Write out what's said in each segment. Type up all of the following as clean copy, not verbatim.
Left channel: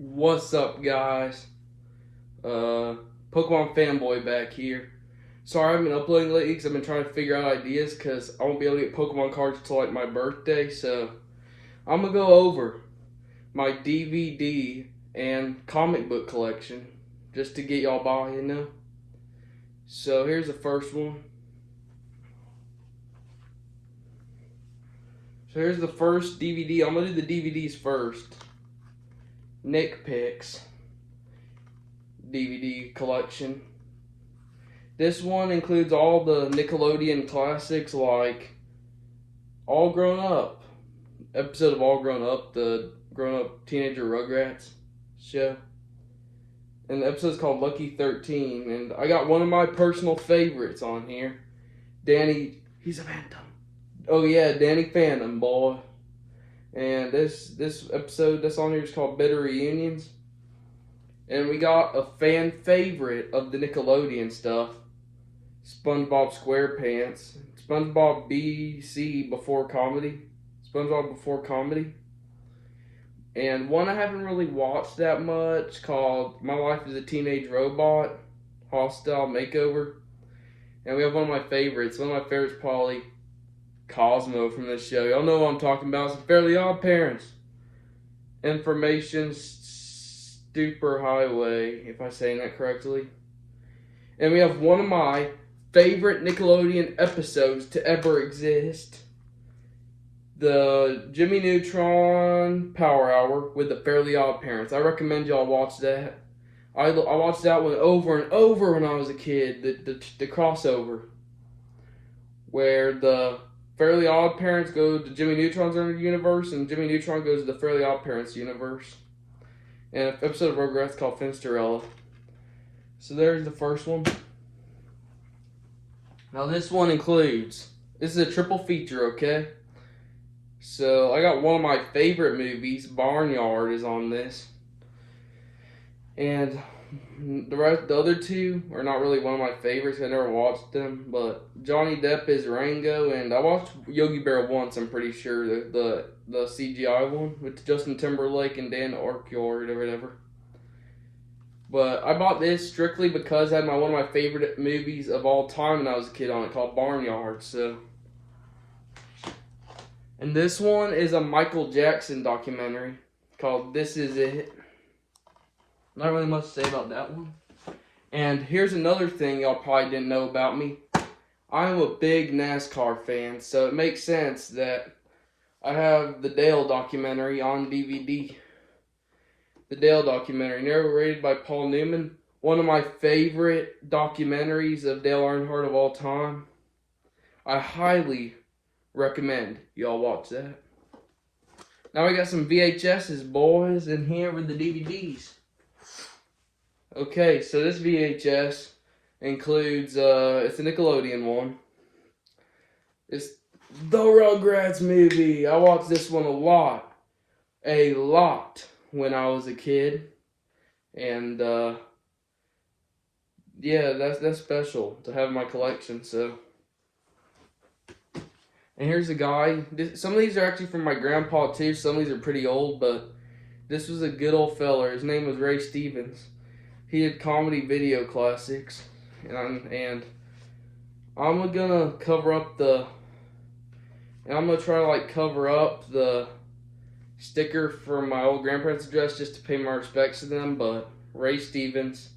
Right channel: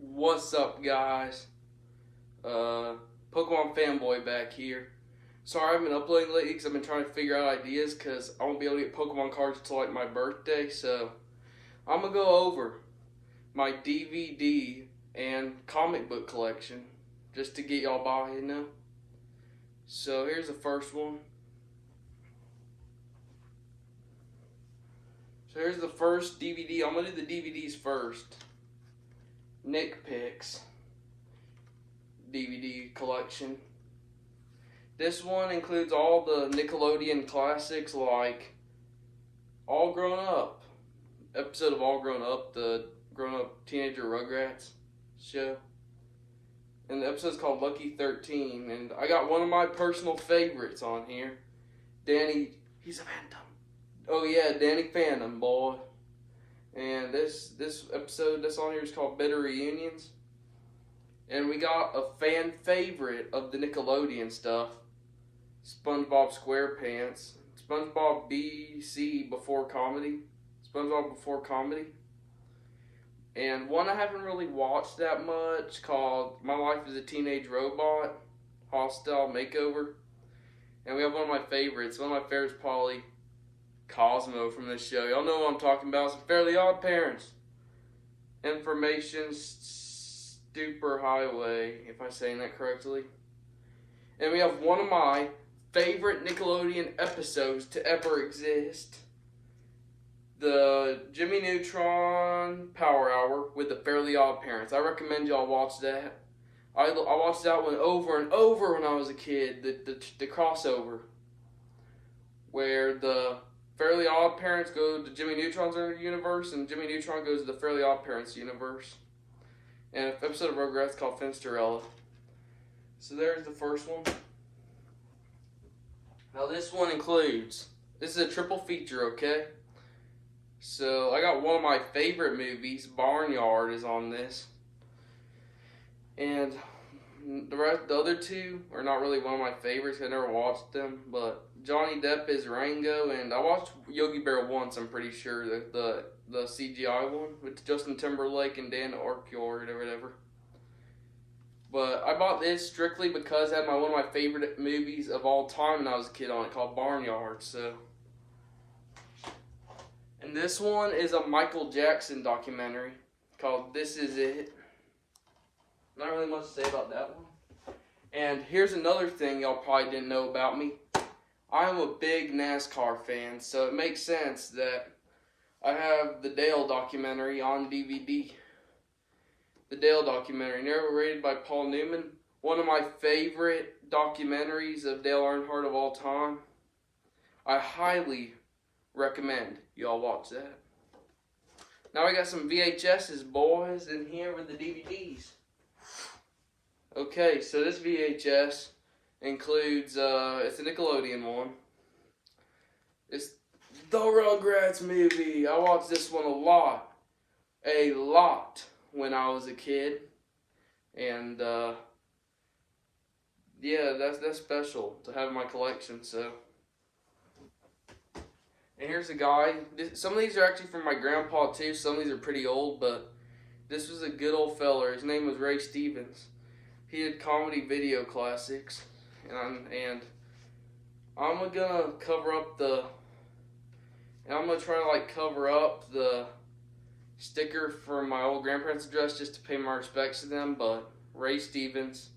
What's up, guys? Pokemon fanboy back here. Sorry I haven't been uploading lately because I've been trying to figure out ideas because I won't be able to get Pokemon cards until like my birthday. So I'm gonna go over my DVD and comic book collection just to get y'all by, you know. So here's the first one. So here's the first DVD. I'm gonna do the DVDs first. Nick Picks DVD collection. This one includes all the Nickelodeon classics like All Grown Up, episode of All Grown Up, the grown up teenager Rugrats show. And the episode's called Lucky 13. And I got one of my personal favorites on here. Danny, he's a phantom. Oh yeah, Danny Phantom, boy. And this episode that's on here is called Bitter Reunions. And we got a fan favorite of the Nickelodeon stuff, SpongeBob SquarePants, SpongeBob BC Before Comedy, SpongeBob Before Comedy. And one I haven't really watched that much called My Life as a Teenage Robot, Hostile Makeover. And we have one of my favorites. One of my favorites is probably Cosmo from this show. Y'all know what I'm talking about. It's Fairly Odd Parents. Information Super Highway, if I'm saying that correctly. And we have one of my favorite Nickelodeon episodes to ever exist. The Jimmy Neutron Power Hour with the Fairly Odd Parents. I recommend y'all watch that. I watched that one over and over when I was a kid. The crossover. Where the Fairly Odd Parents go to Jimmy Neutron's universe, and Jimmy Neutron goes to the Fairly Odd Parents universe. And an episode of Rugrats called Finsterella. So there's the first one. Now this one includes, this is a triple feature, okay? So I got one of my favorite movies, Barnyard, is on this. And the other two are not really one of my favorites. I never watched them, but Johnny Depp is Rango, and I watched Yogi Bear once. I'm pretty sure the CGI one with Justin Timberlake and Dan Aykroyd or whatever. But I bought this strictly because it had one of my favorite movies of all time when I was a kid on it, called Barnyard. So, and this one is a Michael Jackson documentary called This Is It. Not really much to say about that one. And here's another thing y'all probably didn't know about me. I'm a big NASCAR fan, so it makes sense that I have the Dale documentary on DVD. The Dale documentary, narrated by Paul Newman. One of my favorite documentaries of Dale Earnhardt of all time. I highly recommend y'all watch that. Now we got some VHSs, boys, in here with the DVDs. Okay, so this VHS includes, it's a Nickelodeon one. It's the Rugrats movie. I watched this one a lot when I was a kid. And, yeah, that's special to have in my collection, so. And here's a guy. Some of these are actually from my grandpa, too. Some of these are pretty old, but this was a good old feller. His name was Ray Stevens. He did comedy video classics, and I'm gonna cover up I'm gonna try to like cover up the sticker for my old grandparents' address just to pay my respects to them. But Ray Stevens,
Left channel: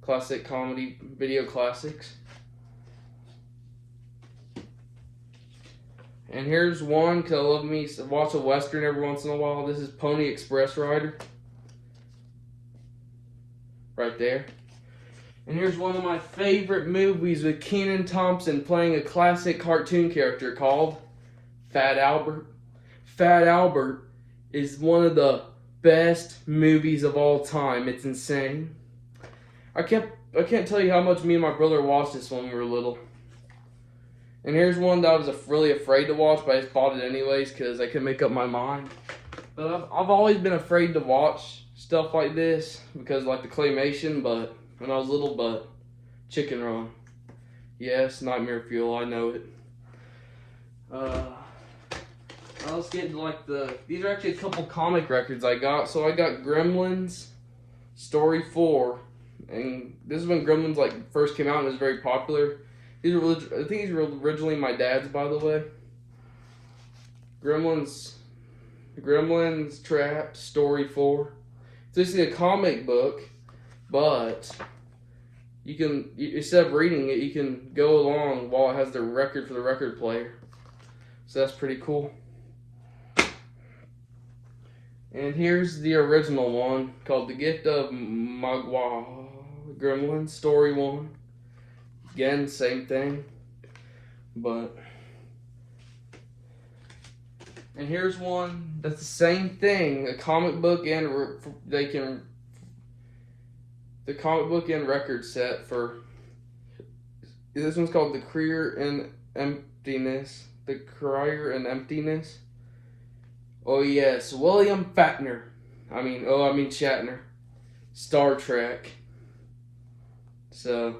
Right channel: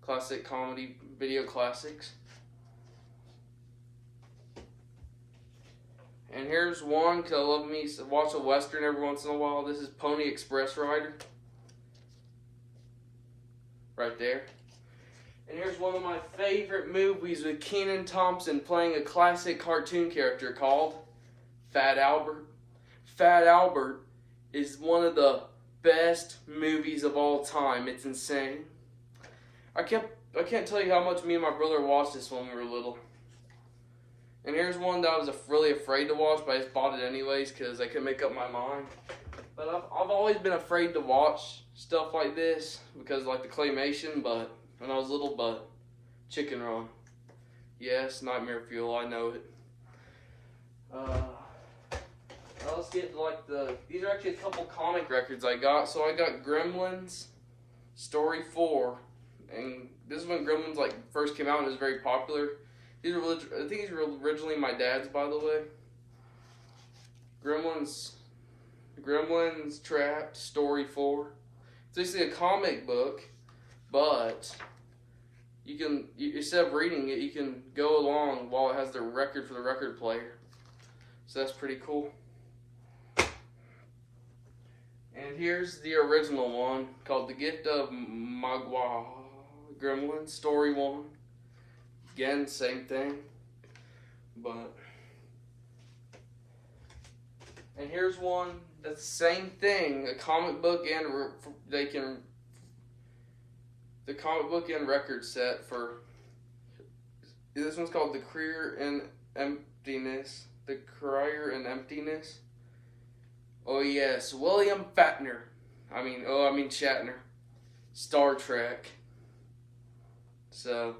classic comedy video classics. And here's one, because I love me watch a Western every once in a while. This is Pony Express Rider. Right there. And here's one of my favorite movies with Kenan Thompson playing a classic cartoon character called Fat Albert. Fat Albert is one of the best movies of all time. It's insane. I can't tell you how much me and my brother watched this when we were little. And here's one that I was really afraid to watch, but I just bought it anyways because I couldn't make up my mind. But I've always been afraid to watch stuff like this because like the claymation, but when I was little, but Chicken Run. Yes, Nightmare Fuel, I know it. let's get into like these are actually a couple comic records I got. So I got Gremlins Story 4, and this is when Gremlins like first came out and was very popular. I think these were originally my dad's, by the way. Gremlins Trapped Story 4. It's basically a comic book, but you can, instead of reading it, you can go along while it has the record for the record player. So that's pretty cool. And here's the original one called The Gift of Magua Gremlins Story 1. Again, same thing. And here's one that's the same thing, a comic book and the comic book and record set for, this one's called The Career in Emptiness. The Career in Emptiness. Oh yes, William Shatner. Shatner. Star Trek. So,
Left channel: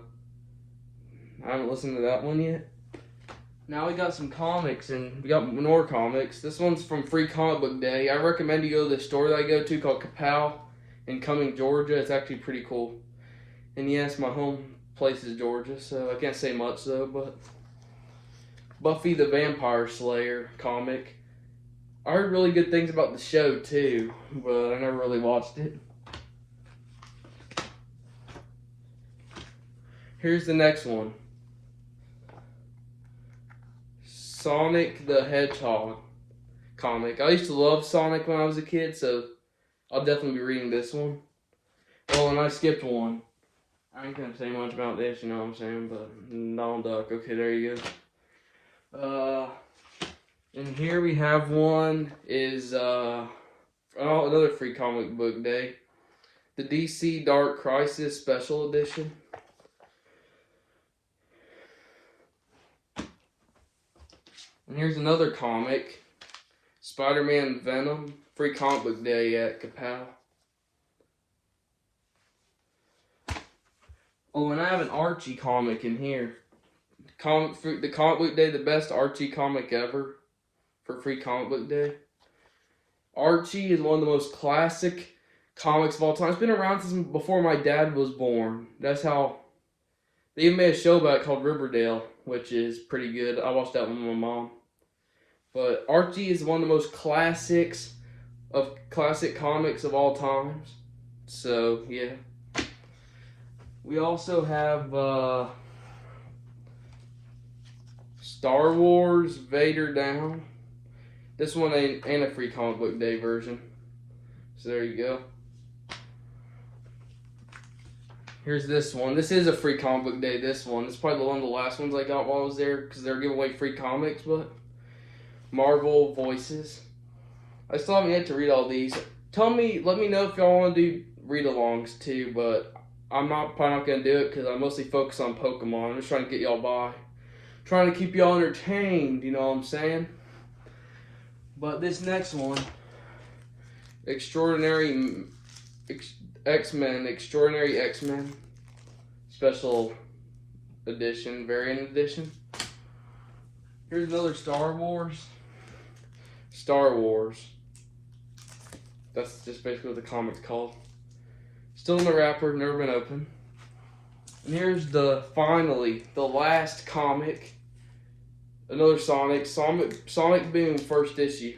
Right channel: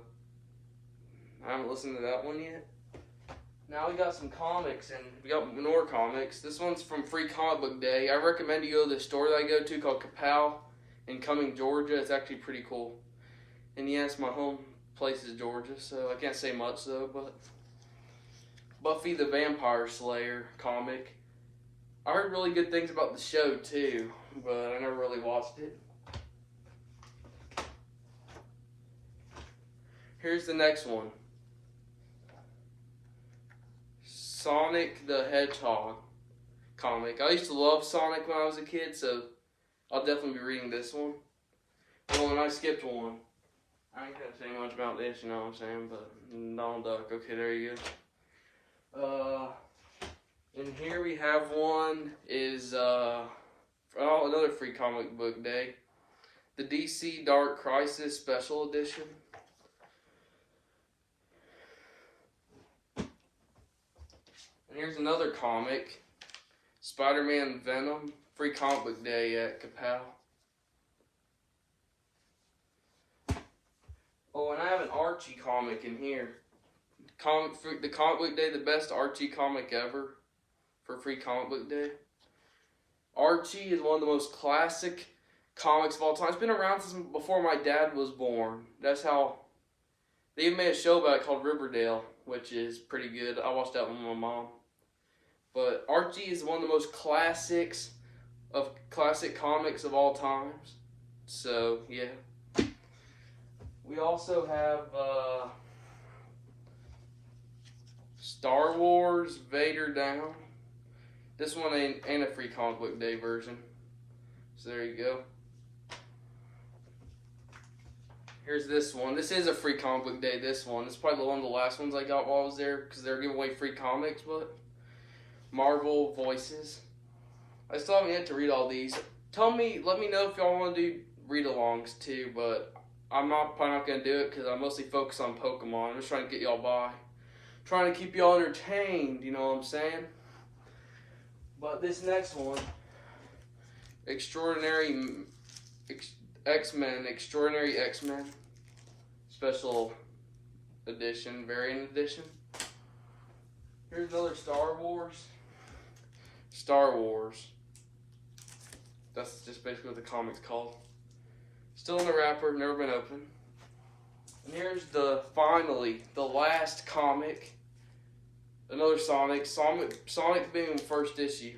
I haven't listened to that one yet. Now we got some comics, and we got more comics. This one's from Free Comic Book Day. I recommend you go to the store that I go to called Kapow in Cumming, Georgia. It's actually pretty cool. And yes, my home place is Georgia, so I can't say much though, but Buffy the Vampire Slayer comic. I heard really good things about the show too, but I never really watched it. Here's the next one. Sonic the Hedgehog comic. I used to love Sonic when I was a kid, so I'll definitely be reading this one. Oh, and I skipped one. I ain't gonna say much about this, you know what I'm saying, but Donald Duck. Okay, there you go. And here we have one is, another Free Comic Book Day. The DC Dark Crisis Special Edition. And here's another comic, Spider-Man Venom, Free Comic Book Day at Kapow. Oh, and I have an Archie comic in here. The Comic Book Day, the best Archie comic ever for Free Comic Book Day. Archie is one of the most classic comics of all time. It's been around since before my dad was born. That's how, they even made a show about it called Riverdale, which is pretty good. I watched that one with my mom. But Archie is one of the most classic comics of all times. So, yeah. We also have Star Wars Vader Down. This one ain't a Free Comic Book Day version. So there you go. Here's this one. This is a Free Comic Book Day, this one. It's probably one of the last ones I got while I was there, because they're giving away free comics, but Marvel Voices. I still haven't yet to read all these. Let me know if y'all want to do read-alongs too, but I'm probably not going to do it because I mostly focus on Pokemon. I'm just trying to get y'all by. Trying to keep y'all entertained, you know what I'm saying? But this next one, Extraordinary X-Men Special Edition, Variant Edition. Here's another Star Wars. That's just basically what the comic's called. Still in the wrapper, never been opened. And here's finally the last comic. Another Sonic Boom first issue.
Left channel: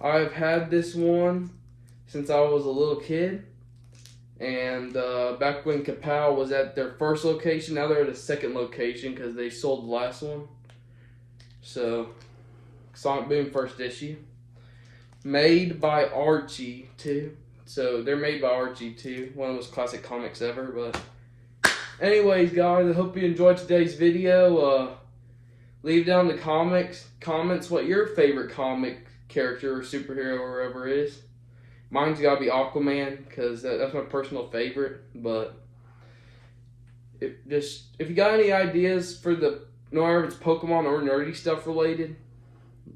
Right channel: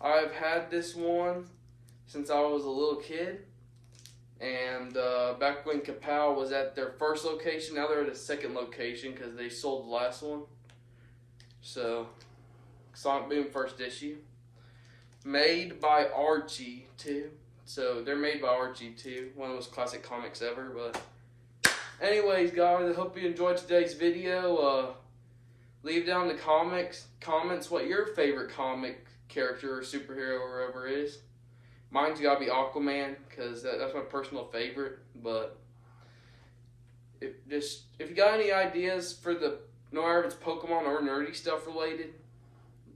I've had this one since I was a little kid. And back when Kapow was at their first location, now they're at a second location because they sold the last one. So, Sonic Boom first issue. Made by Archie, too. So, they're made by Archie, too. One of those classic comics ever. But, anyways, guys, I hope you enjoyed today's video. Leave down in the comments what your favorite comic character or superhero or whatever is. Mine's gotta be Aquaman, because that's my personal favorite. But if you got any ideas for no matter if it's Pokemon or nerdy stuff related,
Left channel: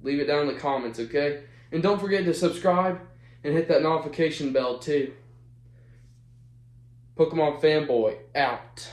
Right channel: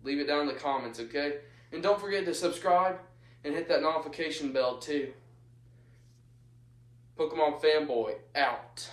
leave it down in the comments, okay? And don't forget to subscribe and hit that notification bell too. Pokemon Fanboy out.